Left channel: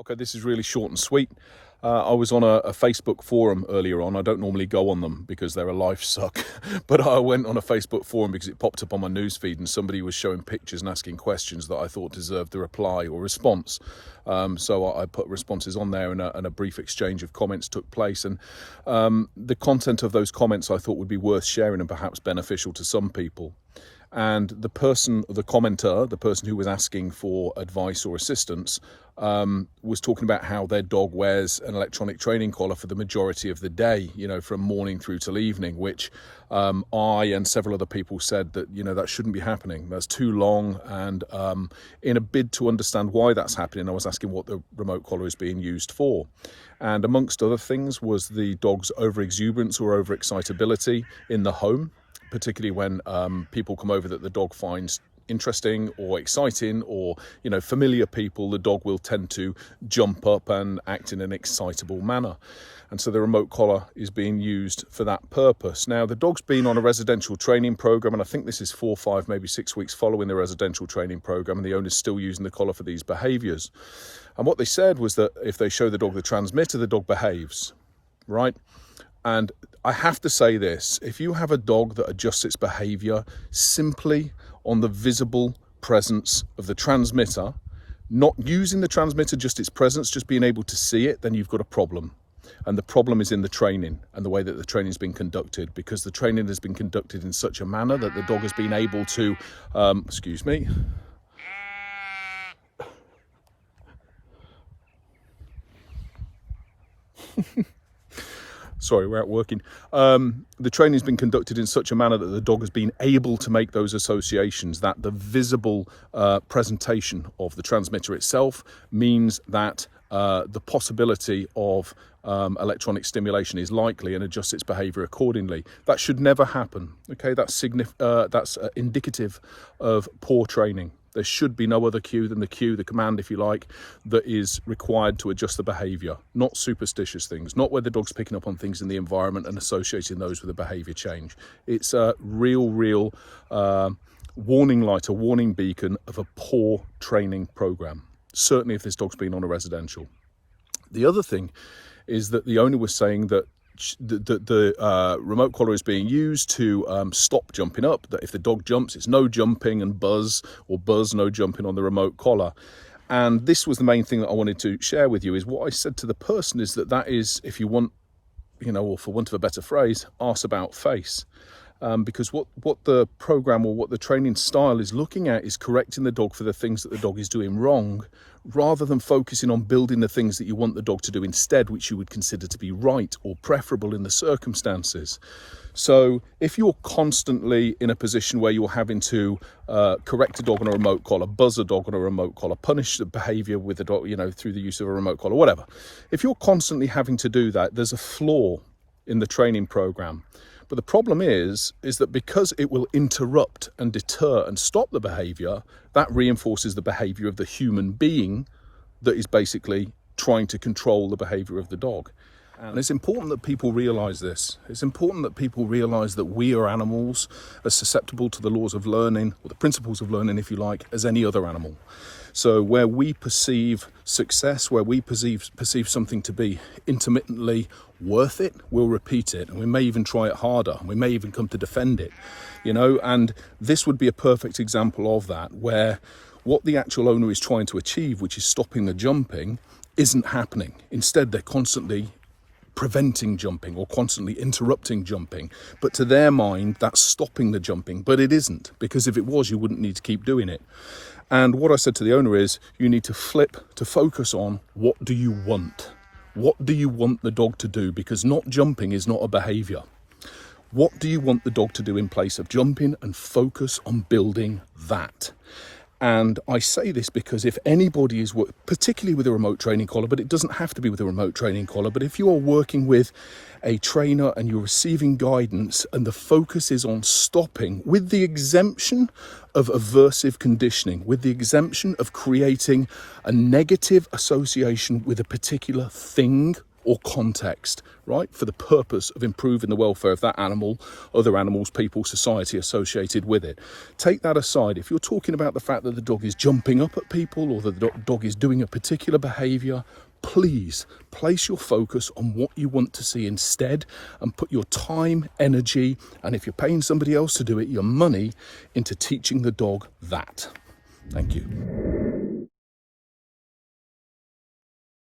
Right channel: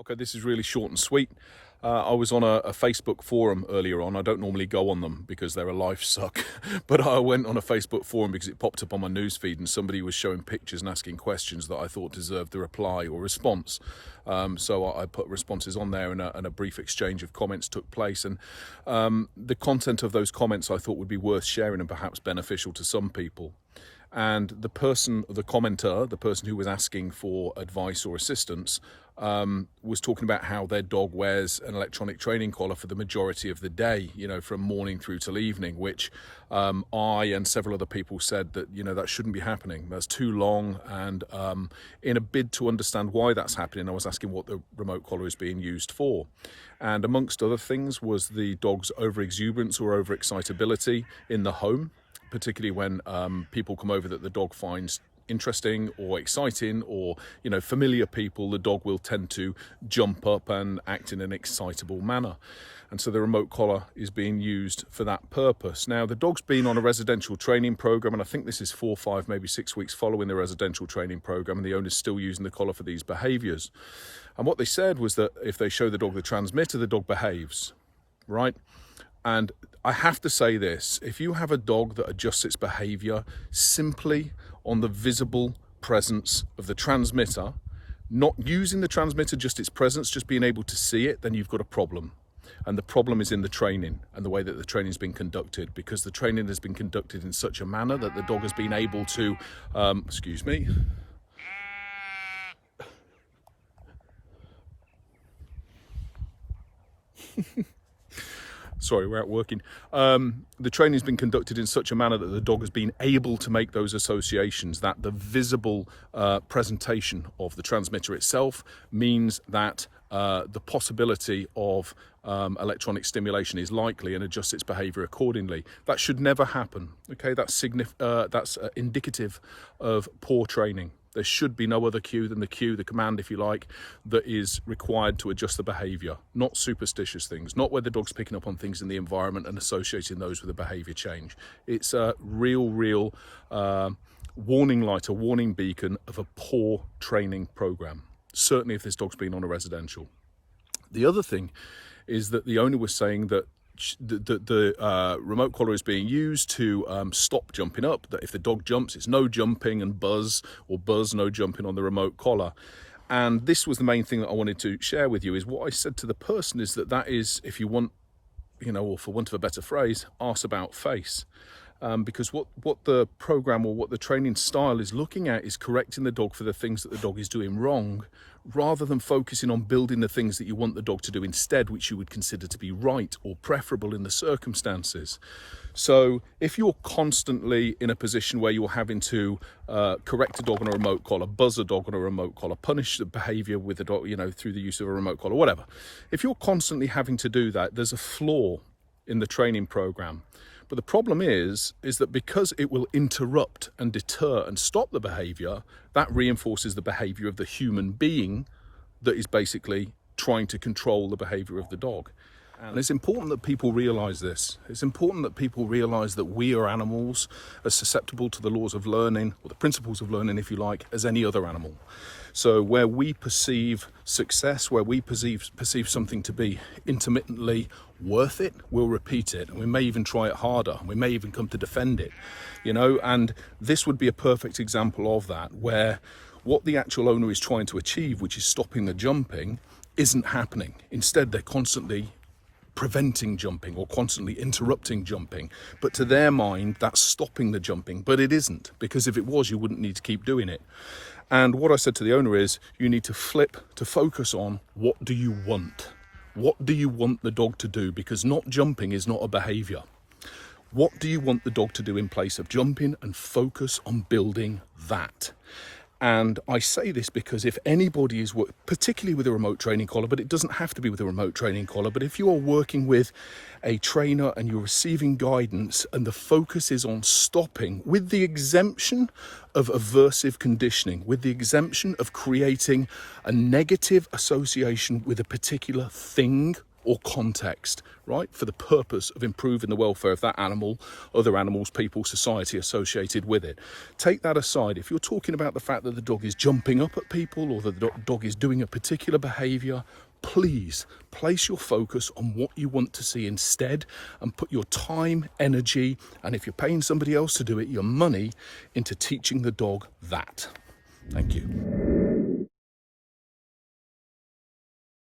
Okay, this is really short and sweet. I was on a Facebook forum earlier on. I don't normally go on them because they're a life suck, but I went on a Facebook forum because it popped up on my newsfeed and somebody was showing pictures and asking questions that I thought deserved a reply or response. So I put responses on there and a brief exchange of comments took place. And the content of those comments I thought would be worth sharing and perhaps beneficial to some people. And the commenter, the person who was asking for advice or assistance, was talking about how their dog wears an electronic training collar for the majority of the day, from morning through till evening, which I and several other people said that, that shouldn't be happening. That's too long. And in a bid to understand why that's happening, I was asking what the remote collar is being used for. And amongst other things was the dog's overexuberance or overexcitability in the home, particularly when people come over that the dog finds interesting or exciting or, familiar people, the dog will tend to jump up and act in an excitable manner. And so the remote collar is being used for that purpose. Now, the dog's been on a residential training program, and I think this is 4, 5, maybe 6 weeks following the residential training program, and the owner's still using the collar for these behaviours. And what they said was that if they show the dog the transmitter, the dog behaves, right? And I have to say this, if you have a dog that adjusts its behaviour simply on the visible presence of the transmitter, not using the transmitter, just its presence, just being able to see it, then you've got a problem. And the problem is in the training and the way that the training has been conducted, because the training has been conducted in such a manner that the dog has been able to, excuse me. Sorry, we're out working. The training has been conducted in such a manner that the dog has been able to make those associations, that the visible presentation of the transmitter itself means that the possibility of electronic stimulation is likely and adjusts its behaviour accordingly. That should never happen. Okay, that's indicative of poor training. There should be no other cue than the command, if you like, that is required to adjust the behaviour, not superstitious things, not where the dog's picking up on things in the environment and associating those with a behaviour change. It's a real warning light, a warning beacon of a poor training programme, certainly if this dog's been on a residential. The other thing is that the owner was saying that the remote collar is being used to stop jumping up, that if the dog jumps, it's no jumping and buzz, or buzz, no jumping on the remote collar. And this was the main thing that I wanted to share with you, is what I said to the person is that is, if you want, or for want of a better phrase, arse about face. Because what the program or what the training style is looking at is correcting the dog for the things that the dog is doing wrong, rather than focusing on building the things that you want the dog to do instead, which you would consider to be right or preferable in the circumstances. So if you're constantly in a position where you're having to correct a dog on a remote collar, buzz a dog on a remote collar, punish the behaviour with the dog, through the use of a remote collar, whatever. If you're constantly having to do that, there's a flaw in the training program. But the problem is that because it will interrupt and deter and stop the behaviour, that reinforces the behaviour of the human being that is basically trying to control the behaviour of the dog. And it's important that people realise this. It's important that people realise that we are animals as susceptible to the laws of learning, or the principles of learning, if you like, as any other animal. So where we perceive success, where we perceive something to be intermittently worth it, we'll repeat it. And we may even try it harder. We may even come to defend it, and this would be a perfect example of that, where what the actual owner is trying to achieve, which is stopping the jumping, isn't happening. Instead, they're constantly preventing jumping or constantly interrupting jumping. But to their mind, that's stopping the jumping. But it isn't, because if it was, you wouldn't need to keep doing it. And what I said to the owner is, you need to focus on what do you want? What do you want the dog to do? Because not jumping is not a behaviour. What do you want the dog to do in place of jumping? And focus on building that. And I say this because if anybody is, particularly with a remote training collar, but it doesn't have to be with a remote training collar, but if you are working with a trainer and you're receiving guidance and the focus is on stopping, with the exemption of aversive conditioning, with the exemption of creating a negative association with a particular thing or context, right? For the purpose of improving the welfare of that animal, other animals, people, society associated with it. Take that aside. If you're talking about the fact that the dog is jumping up at people or that the dog is doing a particular behaviour, please place your focus on what you want to see instead and put your time, energy, and if you're paying somebody else to do it, your money into teaching the dog that. Thank you.